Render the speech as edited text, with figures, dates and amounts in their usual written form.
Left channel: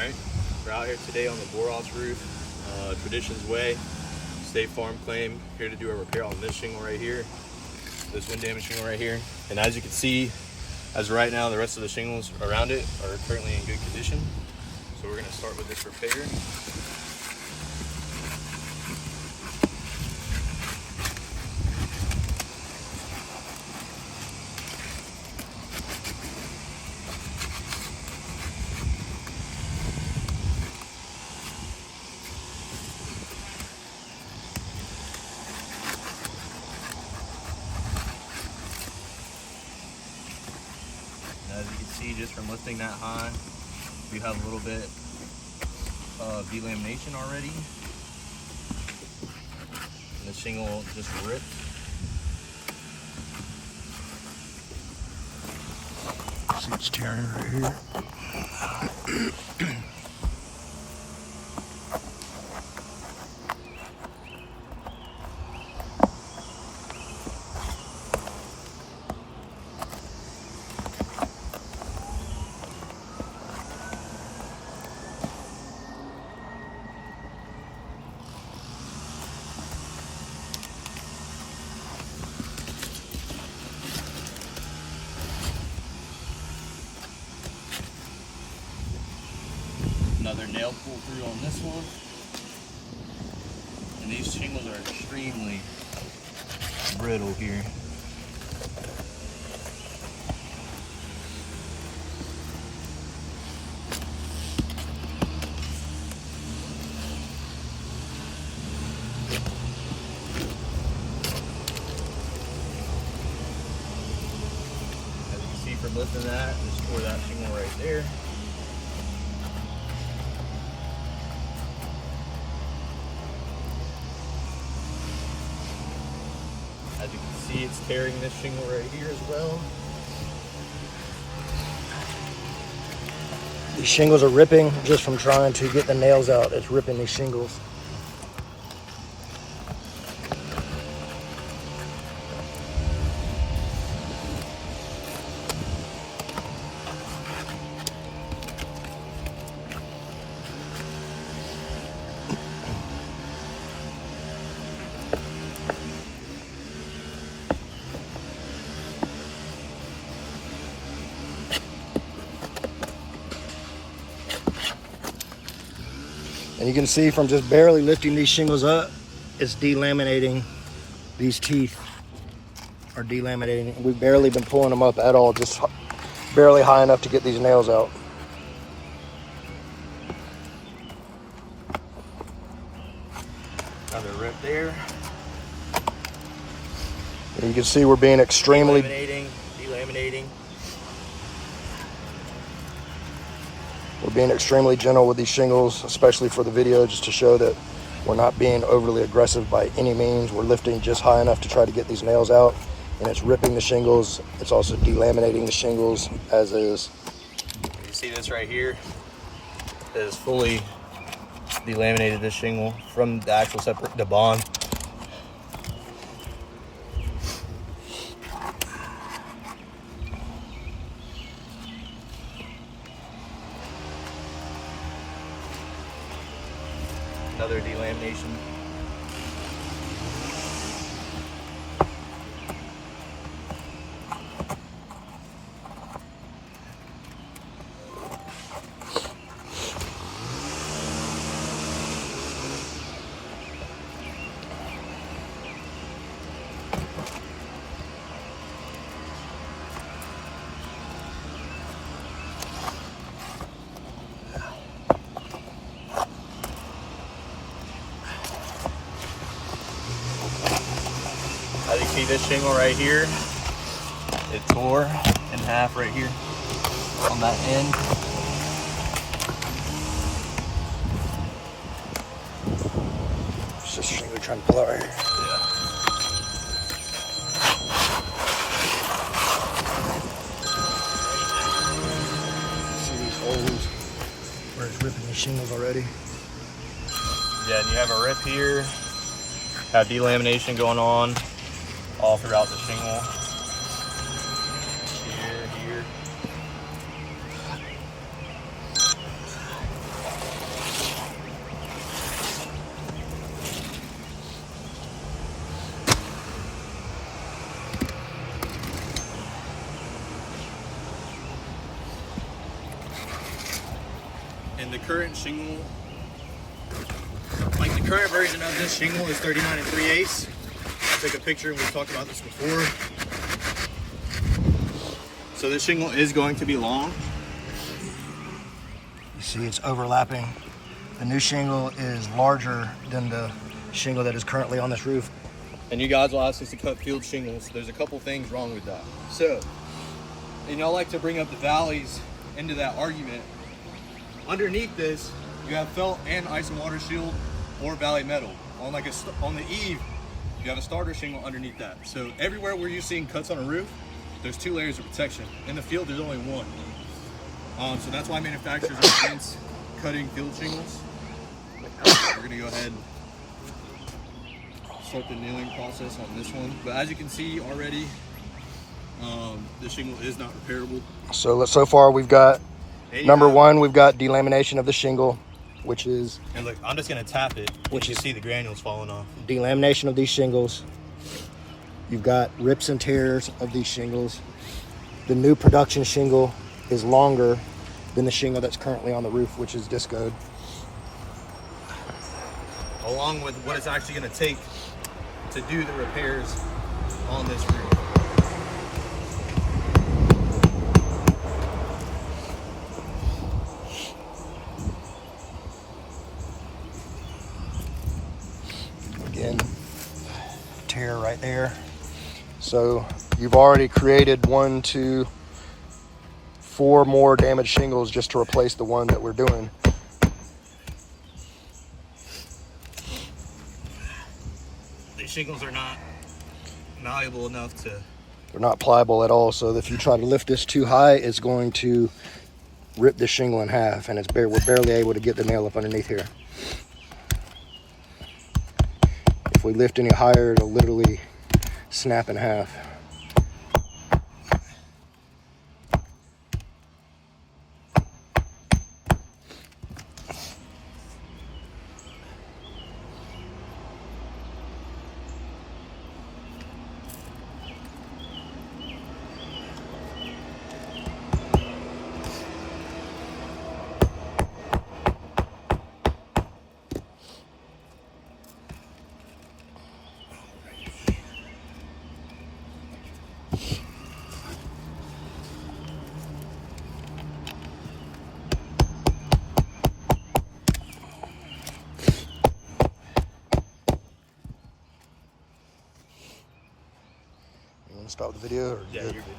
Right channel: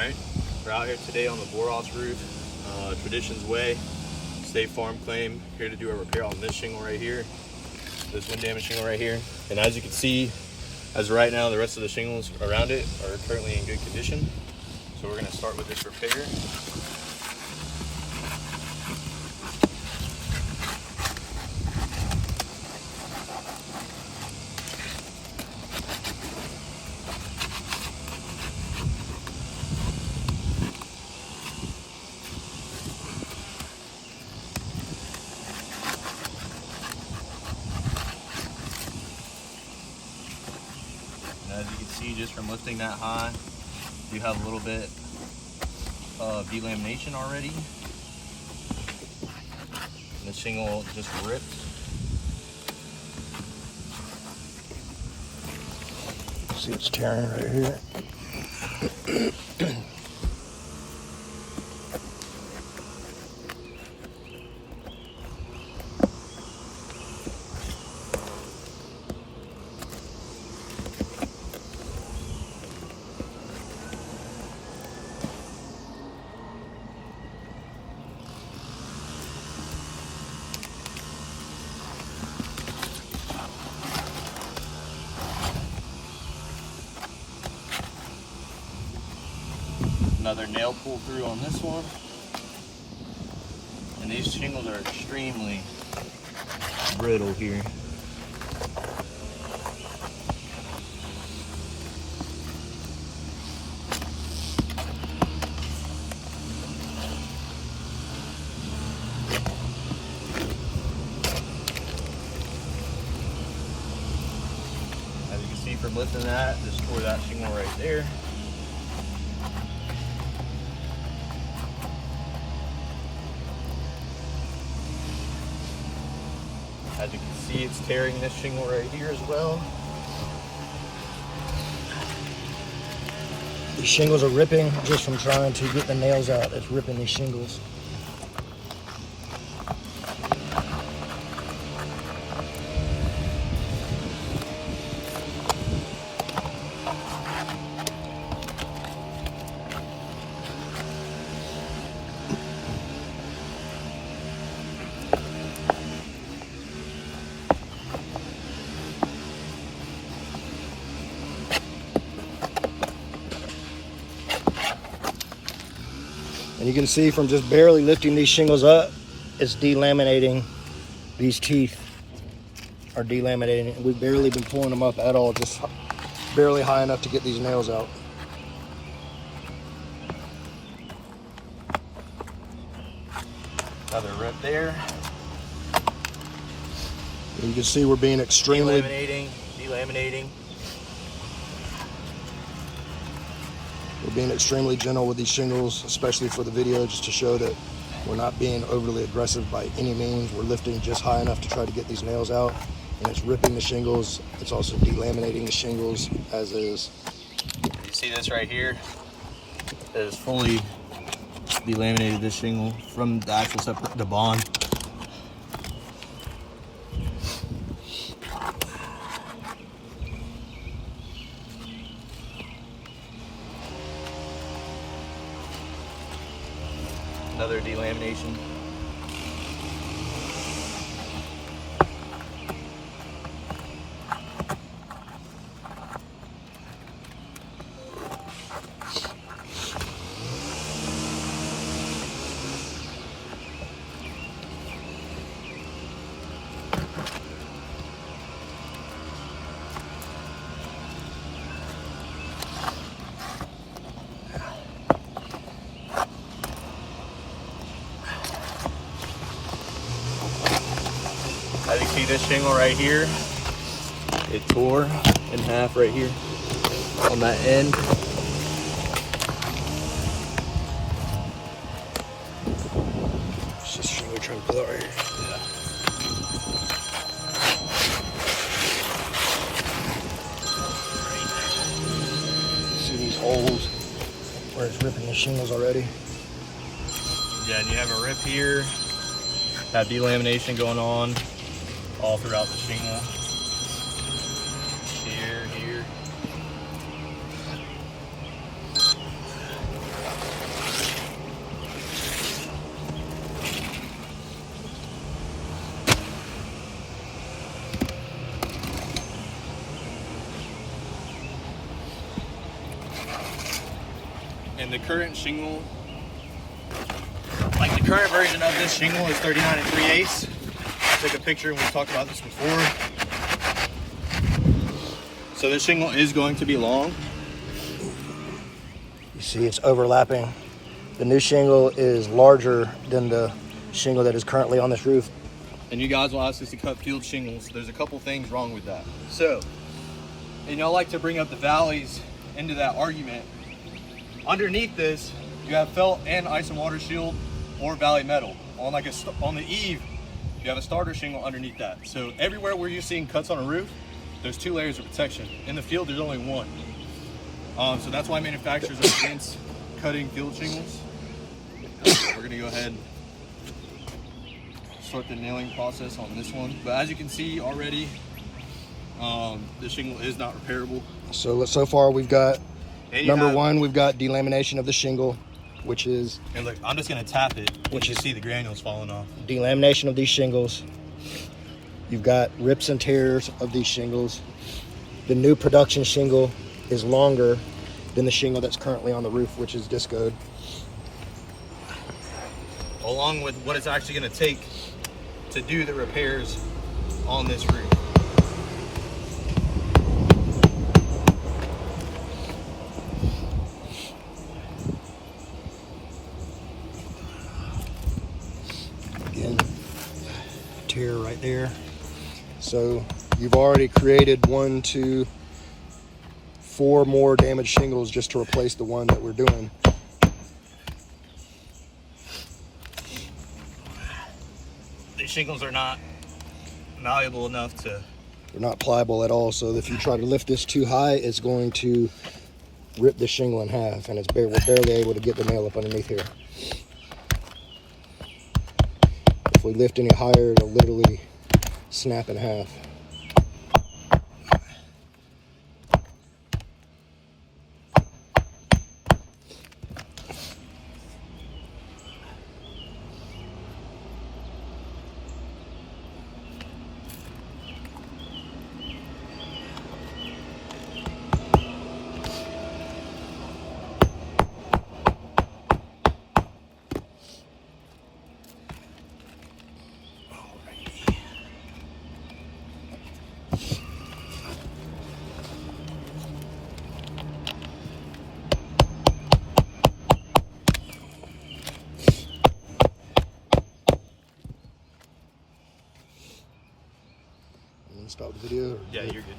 Alright, we're out here today on the Boroff's roof, Tradition's Way, State Farm claim, here to do a repair on this shingle right here, this wind damage shingle right here. And as you can see, as of right now, the rest of the shingles around it are currently in good condition. So we're going to start with this repair. As you can see, just from lifting that high, you have a little bit of delamination already. And the shingle just ripped. See, it's tearing right here. Another nail pull through on this one. And these shingles are extremely brittle here. As you can see from lifting that, just tore that shingle right there. As you can see, it's tearing this shingle right here as well. These shingles are ripping just from trying to get the nails out. It's ripping these shingles. And you can see from just barely lifting these shingles up, it's delaminating. These teeth are delaminating. We've barely been pulling them up at all, just barely high enough to get these nails out. Another rip there. And you can see we're being extremely... Delaminating. We're being extremely gentle with these shingles, especially for the video, just to show that we're not being overly aggressive by any means. We're lifting just high enough to try to get these nails out, and it's ripping the shingles. It's also delaminating the shingles as is. You see this right here? It is fully delaminated, this shingle, from the actual the bond. Another delamination. As you see, this shingle right here, it tore in half right here on that end. It's just trying to pull out right here. See these holes where it's ripping the shingles already? Yeah, and you have a rip here, have delamination going on all throughout the shingle. Here. And the current shingle, like the current version of this shingle is 39 3/8. I took a picture and we talked about this before. So this shingle is going to be long. You see it's overlapping. The new shingle is larger than the shingle that is currently on this roof. And you guys will ask us to cut peeled shingles. There's a couple things wrong with that. So, you know, I like to bring up the valleys into that argument. Underneath this, you have felt and ice and water shield or valley metal. On the eave, you have a starter shingle underneath that. So everywhere where you're seeing cuts on a roof, there's 2 layers of protection. In the field, there's only 1. So that's why manufacturers are against cutting field shingles. We're gonna go ahead and start the nailing process on this one. But as you can see already, the shingle is not repairable. So far we've got number have, 1, we've got delamination of the shingle, which is, and look, I'm just gonna tap it, which you is see the granules falling off. Delamination of these shingles. You've got rips and tears of these shingles. The new production shingle is longer than the shingle that's currently on the roof, which is discoed. Along with what it's actually gonna take to do the repairs on this roof. Again, tear right there. So you've already created 1, 2, 4 more damaged shingles just to replace the one that we're doing. These shingles are not malleable enough to... They're not pliable at all, so if you try to lift this too high, it's going to rip the shingle in half, and we're barely able to get the nail up underneath here. If we lift any higher, it'll literally snap in half. Stop the video? Yeah, you're good.